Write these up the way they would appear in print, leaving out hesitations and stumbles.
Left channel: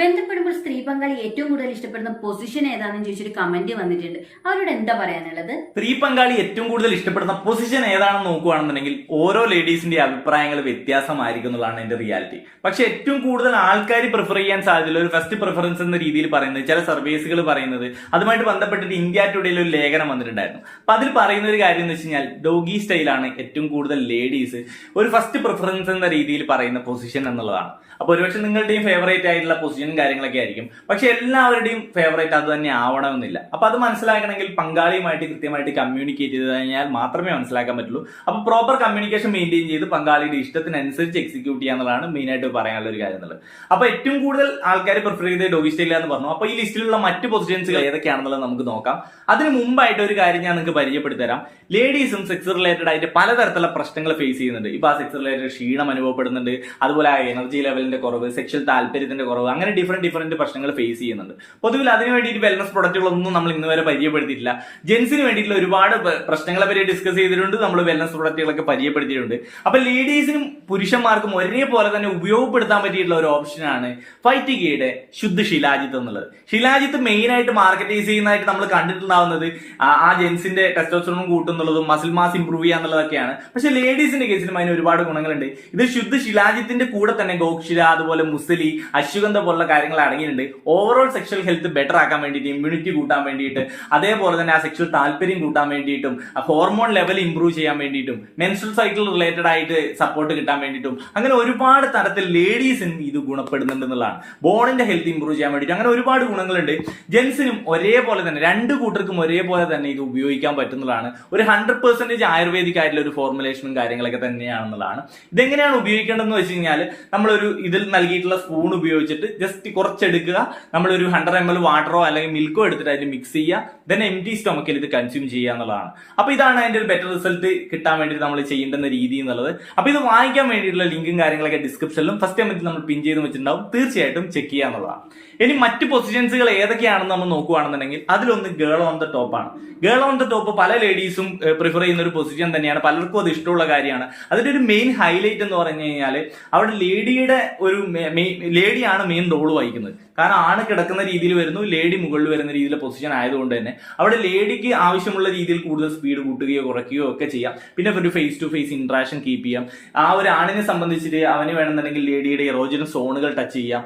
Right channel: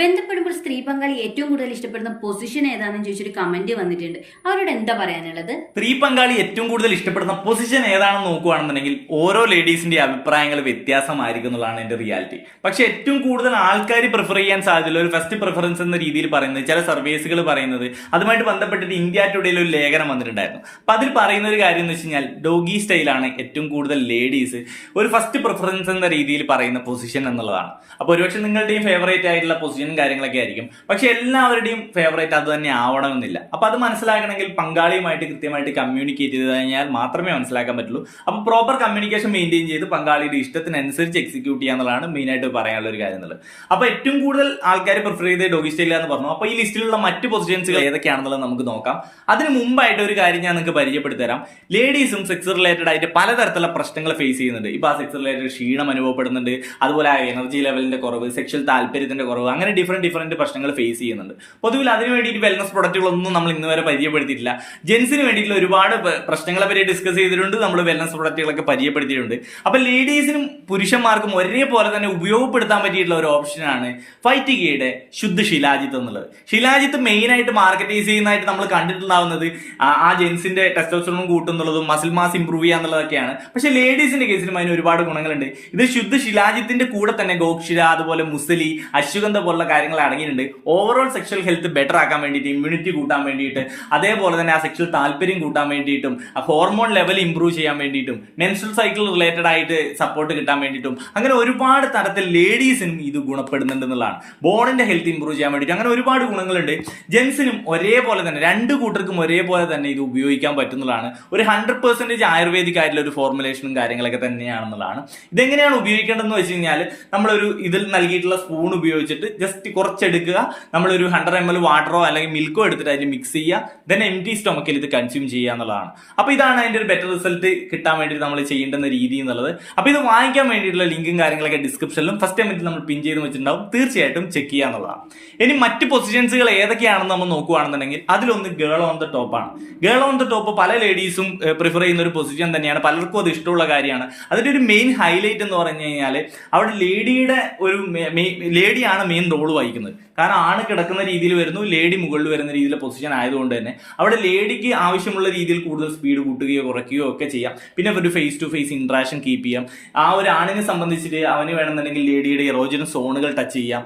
ബന്ധപ്പെടുമ്പോൾ സ്ത്രീ പങ്കാളി ഏറ്റവും കൂടുതൽ ഇഷ്ടപ്പെടുന്ന പൊസിഷൻ ഏതാണെന്ന് ചോദിച്ചൊരു കമന്റ് വന്നിട്ടുണ്ട്. അവരോട് എന്താ പറയാനുള്ളത്? സ്ത്രീ പങ്കാളി ഏറ്റവും കൂടുതൽ ഇഷ്ടപ്പെടുന്ന പൊസിഷൻ ഏതാണെന്ന് നോക്കുകയാണെന്നുണ്ടെങ്കിൽ ഓരോ ലേഡീസിന്റെ അഭിപ്രായങ്ങൾ വ്യത്യാസമായിരിക്കും എന്നുള്ളതാണ് എന്റെ റിയാലിറ്റി. പക്ഷെ ഏറ്റവും കൂടുതൽ ആൾക്കാർ പ്രിഫർ ചെയ്യാൻ സാധ്യതയുള്ള ഒരു ഫസ്റ്റ് പ്രിഫറൻസ് എന്ന രീതിയിൽ പറയുന്നത് ചില സർവീസുകൾ പറയുന്നത് അതുമായിട്ട് ബന്ധപ്പെട്ടിട്ട് ഇന്ത്യ ടുഡേയിൽ ഒരു ലേഖനം വന്നിട്ടുണ്ടായിരുന്നു. അപ്പൊ അതിൽ പറയുന്ന ഒരു കാര്യം എന്ന് വെച്ച് കഴിഞ്ഞാൽ ഡോഗി സ്റ്റൈലാണ് ഏറ്റവും കൂടുതൽ ലേഡീസ് ഒരു ഫസ്റ്റ് പ്രിഫറൻസ് എന്ന രീതിയിൽ പറയുന്ന പൊസിഷൻ എന്നുള്ളതാണ്. അപ്പൊ ഒരുപക്ഷെ നിങ്ങളുടെയും ഫേവറേറ്റ് ആയിട്ടുള്ള പൊസിഷനും കാര്യങ്ങളൊക്കെ ആയിരിക്കും. പക്ഷെ എല്ലാവരുടെയും ഫേവറേറ്റ് അത് തന്നെ ആവണമെന്നില്ല. അപ്പൊ അത് മനസ്സിലാക്കണമെങ്കിൽ പങ്കാളിയുമായിട്ട് കൃത്യമായിട്ട് കമ്മ്യൂണിക്കേറ്റ് ചെയ്ത് കഴിഞ്ഞാൽ മാത്രമേ മനസ്സിലാക്കാൻ പറ്റുള്ളൂ. അപ്പൊ പ്രോപ്പർ കമ്മ്യൂണിക്കേഷൻ മെയിൻറ്റെയിൻ ചെയ്ത് പങ്കാളിയുടെ ഇഷ്ടത്തിനനുസരിച്ച് എക്സിക്യൂട്ട് ചെയ്യാന്നുള്ളതാണ് മെയിൻ ആയിട്ട് പറയാനുള്ള ഒരു കാര്യം എന്നുള്ളത്. അപ്പൊ ഏറ്റവും കൂടുതൽ ആൾക്കാർ പ്രിഫർ ചെയ്ത് ഡോഗി സ്റ്റൈൽ എന്ന് പറഞ്ഞു. അപ്പൊ ഈ ലിസ്റ്റിലുള്ള മറ്റ് പൊസിഷൻസുകൾ ഏതൊക്കെയാണെന്നുള്ളത് നമുക്ക് നോക്കാം. അതിന് മുമ്പായിട്ട് ഒരു കാര്യം ഞാൻ നിങ്ങൾക്ക് പരിചയപ്പെടുത്തി തരാം. ലേഡീസും സെക്സ് റിലേറ്റഡ് ആയിട്ട് പലതരത്തിലുള്ള പ്രശ്നങ്ങൾ ഫേസ് ചെയ്യുന്നുണ്ട്. ഇപ്പൊ ആ സെക്സ് റിലേറ്റഡ് ക്ഷീണം അനുഭവപ്പെടുന്നുണ്ട്, അതുപോലെ എനർജി ലെവലിന്റെ കുറവ്, സെക്ഷൽ താല്പര്യത്തിന്റെ കുറവ്, അങ്ങനെ ഡിഫറെന്റ് പ്രശ്നങ്ങൾ ഫേസ് ചെയ്യുന്നുണ്ട്. പൊതുവിൽ അതിന് വേണ്ടിയിട്ട് വെൽനസ് പ്രൊഡക്റ്റുകളൊന്നും നമ്മൾ ഇന്ന് വരെ പരിചയപ്പെടുത്തിയിട്ടില്ല. ജെൻസിന് വേണ്ടിയിട്ടുള്ള ഒരുപാട് പ്രശ്നങ്ങളെ പറ്റി ഡിസ്കസ് ചെയ്തിട്ടുണ്ട്, നമ്മൾ വെൽനസ് പ്രൊഡക്റ്റുകളൊക്കെ പരിചയപ്പെടുത്തിയിട്ടുണ്ട്. അപ്പൊ ലേഡീസിനും പുരുഷന്മാർക്കും ഒരേപോലെ തന്നെ ഉപയോഗപ്പെടുത്താൻ പറ്റിയിട്ടുള്ള ഒരു ഓപ്ഷനാണ് ഫൈറ്റിഗയുടെ ശുദ്ധ ശിലാജിത്ത് എന്നുള്ളത്. ശിലാജിത്ത് മെയിൻ ആയിട്ട് മാർക്കറ്റൈസ് ചെയ്യുന്നതായിട്ട് നമ്മൾ കണ്ടിട്ടുണ്ടാവുന്നത് ആ ജെൻസിന്റെ ടെസ്റ്റോസ്റ്ററോൺ കൂട്ടുന്നുള്ളതും മസിൽ മാസ് ഇംപ്രൂവ് ചെയ്യാന്നുള്ളതൊക്കെയാണ്. പക്ഷെ ലേഡീസിന്റെ കേസിലും അതിന് ഒരുപാട് ഗുണങ്ങളുണ്ട്. ഇത് ശുദ്ധ ശിലാജിത്തിന്റെ കൂടെ തന്നെ ഗോക്ഷര, അതുപോലെ മുസലി, അശ്വഗന്ധ പോലുള്ള കാര്യങ്ങൾ അടങ്ങിയിട്ടുണ്ട്. ഓവറോൾ സെക്ഷൽ ഹെൽത്ത് ബെറ്റർ ആക്കാൻ വേണ്ടിയിട്ട്, ഇമ്മ്യൂണിറ്റി കൂട്ടാൻ വേണ്ടിയിട്ട്, അതേപോലെ തന്നെ ആ സെക്ഷൽ താല്പര്യം കൂട്ടാൻ വേണ്ടിയിട്ടും, ഹോർമോൺ ലെവൽ ഇംപ്രൂവ് ചെയ്യാൻ വേണ്ടിയിട്ടും, മെൻസ്ട്രൽ സൈക്കിൾ റിലേറ്റഡ് ആയിട്ട് സപ്പോർട്ട് കിട്ടാൻ വേണ്ടിയിട്ടും, അങ്ങനെ ഒരുപാട് തരത്തിൽ ലേഡീസിനും ഇത് ഗുണപ്പെടുന്നുണ്ട് എന്നുള്ളതാണ്. ബോണിന്റെ ഹെൽത്ത് ഇംപ്രൂവ് ചെയ്യാൻ വേണ്ടിയിട്ട് അങ്ങനെ ഒരുപാട് ഗുണങ്ങളുണ്ട്. ജെൻസിനും ഒരേപോലെ തന്നെ, രണ്ട് കൂട്ടർക്കും ഒരേപോലെ തന്നെ ഇത് ഉപയോഗിക്കാൻ പറ്റുന്നതാണ്. ഒരു 100% ആയുർവേദിക് ആയിട്ടുള്ള ഒരു ഫോർമുലേഷനും കാര്യങ്ങളൊക്കെ തന്നെയാണെന്നുള്ളതാണ്. ഇതെങ്ങനെയാണ് ഉപയോഗിക്കേണ്ടതെന്ന് വെച്ച് കഴിഞ്ഞാൽ നമ്മളൊരു ഇതിൽ നൽകിയിട്ടുള്ള സ്പൂൺ ഉപയോഗിച്ചിട്ട് ജസ്റ്റ് കുറച്ചെടുക്കുക, നമ്മളൊരു 100 ml വാട്ടറോ അല്ലെങ്കിൽ മിൽക്കോ എടുത്തിട്ട് അതിൽ മിക്സ് ചെയ്യുക, ദെൻ എംപ്റ്റി സ്റ്റൊമക്കിൽ ഇത് കൺസ്യൂം ചെയ്യുക എന്നുള്ളതാണ്. അപ്പൊ ഇതാണ് അതിന്റെ ഒരു ബെറ്റർ റിസൾട്ട് കിട്ടാൻ വേണ്ടിയിട്ട് നമ്മൾ ചെയ്യേണ്ടുന്ന രീതി എന്നുള്ളത്. അപ്പൊ ഇത് വാങ്ങിക്കാൻ വേണ്ടിയിട്ടുള്ള ലിങ്കും കാര്യങ്ങളൊക്കെ ഡിസ്ക്രിപ്ഷനിലും ഫസ്റ്റ് ടൈമിൽ നമ്മൾ പിൻ ചെയ്ത് വെച്ചിട്ടുണ്ടാവും. തീർച്ചയായിട്ടും ചെക്ക് ചെയ്യുക എന്നുള്ളതാണ്. ഇനി മറ്റ് പൊസിഷൻസുകൾ ഏതൊക്കെയാണെന്ന് നമ്മൾ നോക്കുകയാണെന്നുണ്ടെങ്കിൽ അതിലൊന്ന് ഗേൾ ഓൺ ദ ടോപ്പ് ആണ്. ഗേൾ ഓൺ ദ ടോപ്പ് പല ലേഡീസും പ്രിഫർ ചെയ്യുന്ന ഒരു പൊസിഷൻ തന്നെയാണ്. പലർക്കും അത് ഇഷ്ടമുള്ള കാര്യമാണ്. അതിന്റെ ഒരു മെയിൻ ഹൈലൈറ്റ് എന്ന് പറഞ്ഞു കഴിഞ്ഞാൽ അവിടെ ലേഡിയാണ് മെയിൻ റോൾ വഹിക്കുന്നത്. കാരണം ആണ് കിടക്കുന്ന രീതിയിൽ വരുന്നു, ലേഡി മുകളിൽ വരുന്ന രീതിയിലെ പൊസിഷൻ ആയതുകൊണ്ട് തന്നെ അവിടെ ലേഡിക്ക് ആവശ്യമുള്ള രീതിയിൽ കൂടുതൽ സ്പീഡ് കൂട്ടുകയോ കുറയ്ക്കുകയോ ഒക്കെ ചെയ്യാം. പിന്നെ ഒരു face to face interaction keep ചെയ്യാം. ആ ഒരു ആണിനെ സംബന്ധിച്ചിട്ട് അവന് വേണമെന്നുണ്ടെങ്കിൽ ലേഡിയുടെ എറോജനസ് സോണുകൾ ടച്ച് ചെയ്യാം,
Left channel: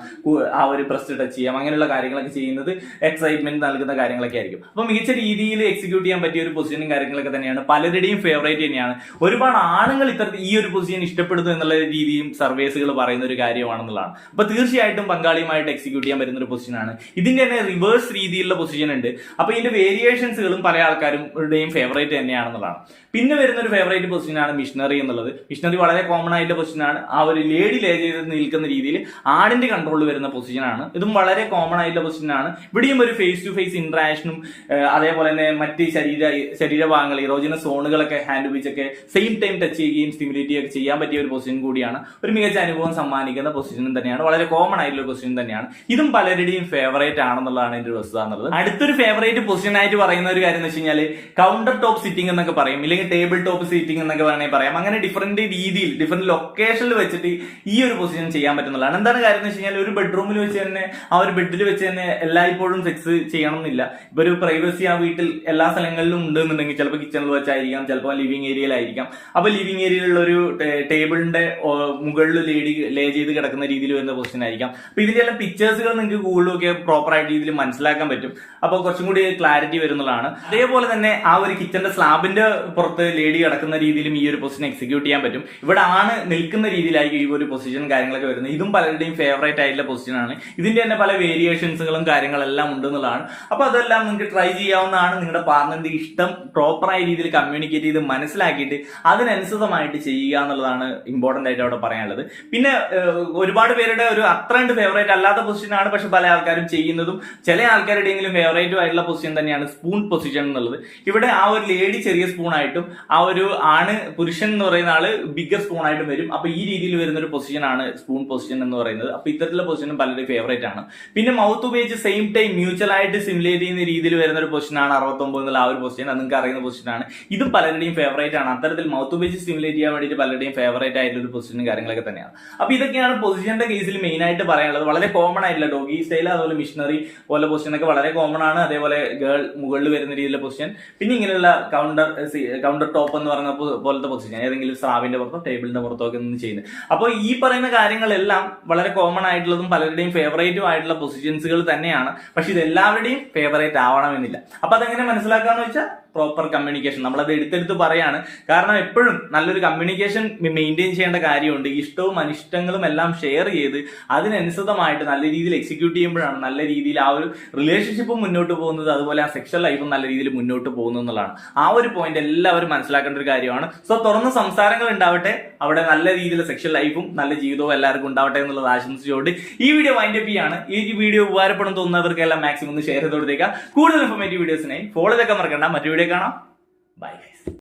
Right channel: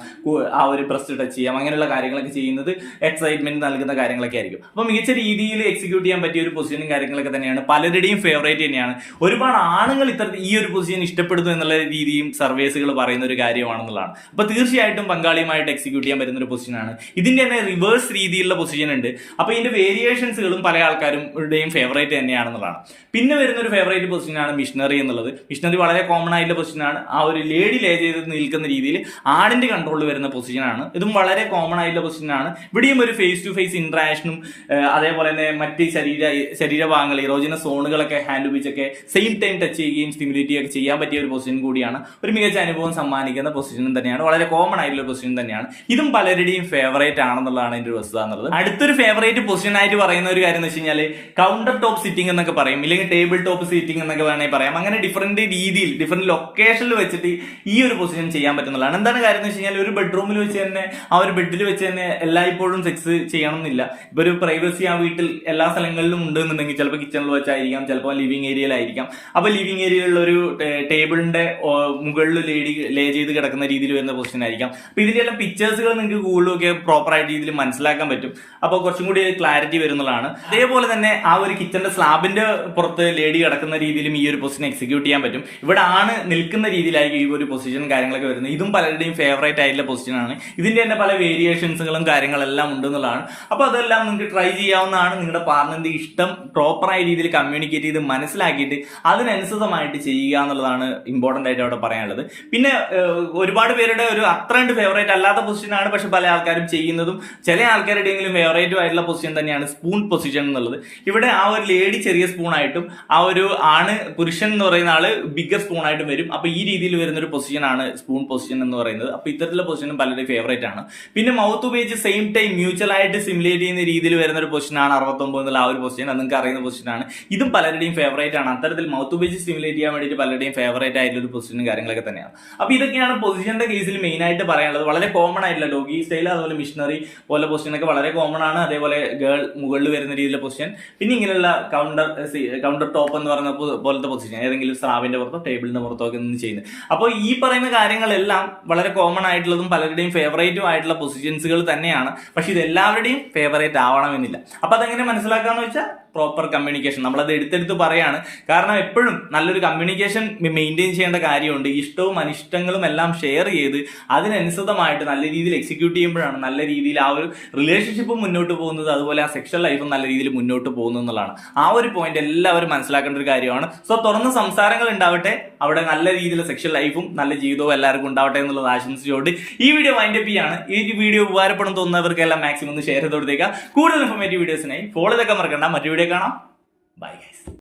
ആ ഒരു ബ്രസ്റ്റ് ടച്ച് ചെയ്യാം, അങ്ങനെയുള്ള കാര്യങ്ങളൊക്കെ ചെയ്യുന്നത് എക്സൈറ്റ്മെന്റ് നൽകുന്ന കാര്യങ്ങളൊക്കെ ആയിരിക്കും. അപ്പൊ മികച്ച രീതിയിൽ എക്സിക്യൂട്ട് ചെയ്യാൻ പറ്റിയ ഒരു പൊസിഷനും കാര്യങ്ങളൊക്കെ തന്നെയാണ്. പലരുടെയും ഫേവറേറ്റ് തന്നെയാണ്. ഒരുപാട് ആണുങ്ങൾ ഈ ഒരു പൊസിഷൻ ഇഷ്ടപ്പെടുന്നു എന്നുള്ള രീതിയും സർവേസുകൾ പറയുന്ന ഒരു കാര്യമാണെന്നുള്ളതാണ്. അപ്പൊ തീർച്ചയായിട്ടും പങ്കാളിയുമായിട്ട് എക്സിക്യൂട്ട് ചെയ്യാൻ പറ്റുന്ന ഒരു പൊസിഷനാണ്. ഇതിന്റെ തന്നെ റിവേഴ്സ് രീതിയിലുള്ള പൊസിഷൻ ഉണ്ട്. അപ്പൊ ഇതിന്റെ വേരിയേഷൻസുകളും പല ആൾക്കാരുടെയും ഫേവറേറ്റ് തന്നെയാണെന്നുള്ളതാണ്. പിന്നെ വരുന്ന ഒരു ഫേവറേറ്റ് പൊസിഷനാണ് മിഷണറി എന്നുള്ളത്. മിഷണറി വളരെ കോമൺ ആയിട്ടുള്ള പൊസിഷനാണ്. ആ ഒരു ലേഡി ലേ ചെയ്ത് നിൽക്കുന്ന രീതിയിൽ ആണിന്റെ കൺട്രോളിൽ വരുന്ന പൊസിഷനാണ്. ഇതും വളരെ കോമൺ ആയിട്ടുള്ള പൊസിഷനാണ്. ഇവിടെയും ഒരു ഫേസ് ടു ഫേസ് ഇന്ററാക്ഷനും അതേപോലെ തന്നെ മറ്റ് ശരീരഭാഗങ്ങൾ ഇറോജനസ് സോണുകളൊക്കെ ഹാൻഡ് ഉപയോഗിച്ചൊക്കെ സെയിം ടൈം ടച്ച് ചെയ്യുകയും സ്റ്റിമുലേറ്റ് ചെയ്യുകയൊക്കെ ചെയ്യാൻ പറ്റിയ ഒരു പൊസിഷൻ കൂടിയാണ്. ഒരു മികച്ച അനുഭവം സമ്മാനിക്കുന്ന പൊസിഷനും തന്നെയാണ്. വളരെ കോമൺ ആയിട്ടുള്ള പൊസിഷൻ തന്നെയാണ്. ഇതും പലരുടെയും ഫേവറേറ്റ് ആണെന്നുള്ളതാണ് എന്റെ ഒരു വസ്തുത എന്നുള്ളത്. അടുത്തൊരു ഫേവറേറ്റ് പൊസിഷൻ ആയിട്ട് പറയുന്ന ഒരു കാര്യം എന്ന് വെച്ച് കഴിഞ്ഞാൽ കൗണ്ടർ ടോപ്പ് സിറ്റിംഗ് എന്നൊക്കെ പറയും, ഇല്ലെങ്കിൽ ടേബിൾ ടോപ്പ് സിറ്റിംഗ് എന്നൊക്കെ വേണമെങ്കിൽ പറയാം. അങ്ങനെ ഡിഫറെന്റ് രീതിയിൽ ഡിഫറെന്റ് ലൊക്കേഷനിൽ വെച്ചിട്ട് ഈ ഒരു പൊസിഷൻ ചെയ്യാൻ പറ്റുന്നതാണ്. എന്താണ് കാര്യം എന്ന് വെച്ച് കഴിഞ്ഞാൽ ഒരു ബെഡ്റൂമിൽ വെച്ച് തന്നെ ആ ഒരു ബെഡിൽ വെച്ച് തന്നെ എല്ലായ്പ്പോഴും സെക്സ് ചെയ്യണമെന്നില്ല. ഇപ്പൊ ഒരു പ്രൈവസി ആ വീട്ടിൽ എല്ലാ സ്ഥലങ്ങളിലും ഉണ്ടെന്നുണ്ടെങ്കിൽ ചിലപ്പോൾ കിച്ചണിൽ വെച്ചായിരിക്കാം, ചിലപ്പോൾ ലിവിംഗ് ഏരിയയിലായിരിക്കാം. അപ്പൊ ലിവിംഗ് ഏരിയയിലുള്ള ഒരു ടേബിളിന്റെ മുകളിൽ ലേഡി ലേ ചെയ്ത് കിടക്കുന്ന രീതിയിൽ വരുന്ന പൊസിഷൻ ആയിരിക്കാം. അപ്പൊ ഇതിന്റെ എല്ലാം പിക്ചേഴ്സുകൾ നിങ്ങൾക്ക് ഗൂഗിളൊക്കെ പ്രോപ്പർ ആയിട്ട് രീതിയിൽ മനസ്സിലാക്കാൻ പറ്റും. അപ്പൊ കുറച്ചും കൂടി ക്ലാരിറ്റി വരുന്നതാണ്. അതേപോലെ തന്നെ ആ ഒരു കിച്ചന്റെ സ്ലാബിന്റെ പുറത്ത് ലേഡി കിടക്കുന്ന രീതിയിലും ഈ ഒരു പൊസിഷൻ എക്സിക്യൂട്ട് ചെയ്യാൻ പറ്റും. ഇവിടെ ആണ് നിൽക്കുന്ന രീതിയിലായിരിക്കും ഈ ഒരു പൊസിഷൻ കാര്യങ്ങളൊക്കെ വരുന്നത്. ഇതും പലരുടെയും ഫേവറേറ്റ് ആയിട്ടുള്ള പൊസിഷനാണ്. ഇതിന്റെ തന്നെ പല വേരിയേഷൻസുകളും കാര്യങ്ങളെല്ലാം ഉണ്ടെന്നുള്ളതാണ്. അപ്പൊ അതെല്ലാം നിങ്ങൾക്ക് ട്രൈ ചെയ്യാവുന്നതാണ്. നിങ്ങളുടെ പാർട്ണറിന്റെ ഇഷ്ടം പ്രോപ്പറായ രീതിയിൽ കമ്മ്യൂണിക്കേറ്റ് ചെയ്ത് മനസ്സിലാക്കിയിട്ട് അതിനനുസൃതമായിട്ട് ചെയ്യുക എന്നുള്ളതാണ് ഇമ്പോർട്ടന്റ് ആയിട്ട് അവിടെ പറയാനുള്ളത്. പിന്നെ ഒരുപാട് പേരുടെ ഒരു അത്ര ഫേവറേറ്റ് അല്ലാത്ത പൊസിഷനാണ്, പക്ഷെ പല ആൾക്കാരും ചെയ്യുന്നതും ചില ആൾക്കാരുടെയെങ്കിലും ഫേവറേറ്റും ആയിട്ടുള്ള പൊസിഷൻ തന്നെയാണ് സ്പൂൺ പൊസിഷൻ എന്നുള്ളത്. ഇവിടെ ആ ഒരു ലേഡി ചെറിയ സ്പൂൺ ആയിട്ടും ആ ഒരു ആണ് പുരുഷൻ എന്ന് പറയുന്ന ആള് ബിഗർ സ്പൂൺ ആയിട്ടും വരും. അപ്പൊ ഈ രീതിയിൽ വരുന്ന ഒരു പൊസിഷനാണ് സ്പൂൺ പൊസിഷൻ എന്ന് പറയുന്നത്. അപ്പൊ ഇത്തരത്തിലുള്ള പൊസിഷനും പലരുടെ ഫേവറേറ്റ് ആണ്. പിന്നെ മൗത്ത് ഉപയോഗിച്ച് സെയിം ടൈം മ്യൂച്വൽ ആയിട്ട് സിമുലേറ്റ് ചെയ്യുന്ന രീതിയിൽ വരുന്ന ഒരു പൊസിഷനാണ് 69 എന്നുള്ള ആ ഒരു പൊസിഷൻ. അത് നിങ്ങൾക്ക് അറിയുന്ന പൊസിഷനാണ്. ഇതും പലരുടെയും ഫേവറേറ്റ് ആണ്. അത്തരത്തിൽ മൗത്ത് ഉപയോഗിച്ച് സ്റ്റിമുലേറ്റ് ചെയ്യാൻ വേണ്ടിയിട്ട് പലരുടെയും ഫേവറേറ്റ് ആയിട്ടുള്ള ഒരു പൊസിഷനും കാര്യങ്ങളൊക്കെ തന്നെയാണ്. അപ്പൊ ഇതൊക്കെയാണ് പൊസിഷന്റെ കേസിൽ മെയിൻ ആയിട്ട് പറയാനുള്ളത്. വളരെ കോമൺ ആയിട്ടുള്ള ഡോഗി സ്റ്റൈൽ അതുപോലെ മിഷണറി പോലെ പൊസിഷൻ ഒക്കെ വളരെ കോമൺ ആണ്. അതേപോലെ ഗേൾ മുകളിൽ വരുന്ന രീതിയിലുള്ള പൊസിഷൻ, പിന്നെ ഇങ്ങനെയുള്ള കൗണ്ടർ ടോപ്പ് എന്ന് പറയുന്ന പോലത്തെ പൊസിഷൻ, ഏതെങ്കിലും സ്രാവിന്റെ പുറത്തോ ടേബിളിന്റെ പുറത്തോ ഒക്കെ നിന്ന് ചെയ്യുന്നത്. അപ്പോൾ ഈ പറയുന്ന കാര്യങ്ങളെല്ലാം വളരെ കോമൺ ആയിട്ടുള്ളതും പലരുടെയും ഫേവറേറ്റും ആയിട്ടുള്ള പൊസിഷൻസുകൾ തന്നെയാണ്. പക്ഷെ ഇത് എല്ലാവരുടെയും ഫേവറേറ്റ് ആവണമെന്നില്ല. അപ്പൊ അതെങ്ങനെ മനസ്സിലാക്കാന്ന് വെച്ചാൽ പ്രോപ്പർ കമ്മ്യൂണിക്കേഷൻ, നമ്മളത് എടുത്തെടുത്ത് പറയാണ്. കാരണം എപ്പോഴും നല്ലൊരു കമ്മ്യൂണിക്കേഷൻ മെയിൻറ്റെയിൻ ചെയ്യേണ്ട കാര്യമുണ്ട്. ഇഷ്ടവും അനിഷ്ടങ്ങളും എല്ലാം ഷെയർ ചെയ്ത് അതിനനുസൃതമായിട്ട് നല്ല രീതിയിൽ എക്സിക്യൂട്ട് ചെയ്യുമ്പോഴാണ് നല്ല രീതിയിൽ ആ ഒരു റിലേഷൻഷിപ്പും മുന്നോട്ട് പോകുന്നത്, അതുപോലെ ആ സെക്ഷൽ ലൈഫും നല്ല രീതിയിൽ മുന്നോട്ട് പോകുന്നത് എന്നുള്ളതാണ്. ആ ഒരു പോയിന്റ് എല്ലാവരും മനസ്സിലാക്കേണ്ട ഒരു കാര്യമാണ്. സോ തുറന്ന് സംസാരങ്ങൾ ഉണ്ടാവട്ടെ, അവിടെ നല്ല രീതിയിലുള്ള സെക്ഷൽ ലൈഫും നല്ല ജീവിതവും എല്ലാവർക്കും ഉണ്ടാവട്ടെ എന്നുള്ളത് ആശംസിച്ചുകൊണ്ട് ഈ വീഡിയോ വൈൻഡപ്പ് ചെയ്യാണ്. ഈ വീഡിയോ ഉപകാരപ്പെടുന്ന തോന്നുന്നവർക്കെല്ലാം മാക്സിമം ഒന്ന് ഷെയർ ചെയ്ത് കൊടുത്തേക്കാം. കൂടുതൽ ഇൻഫോർമേറ്റീവ് വീഡിയോസിനായി ഫോളോ ചെയ്തൊക്കെ മറക്കണ്ട. മറ്റു വീഡിയോ കാണാം. ബൈ.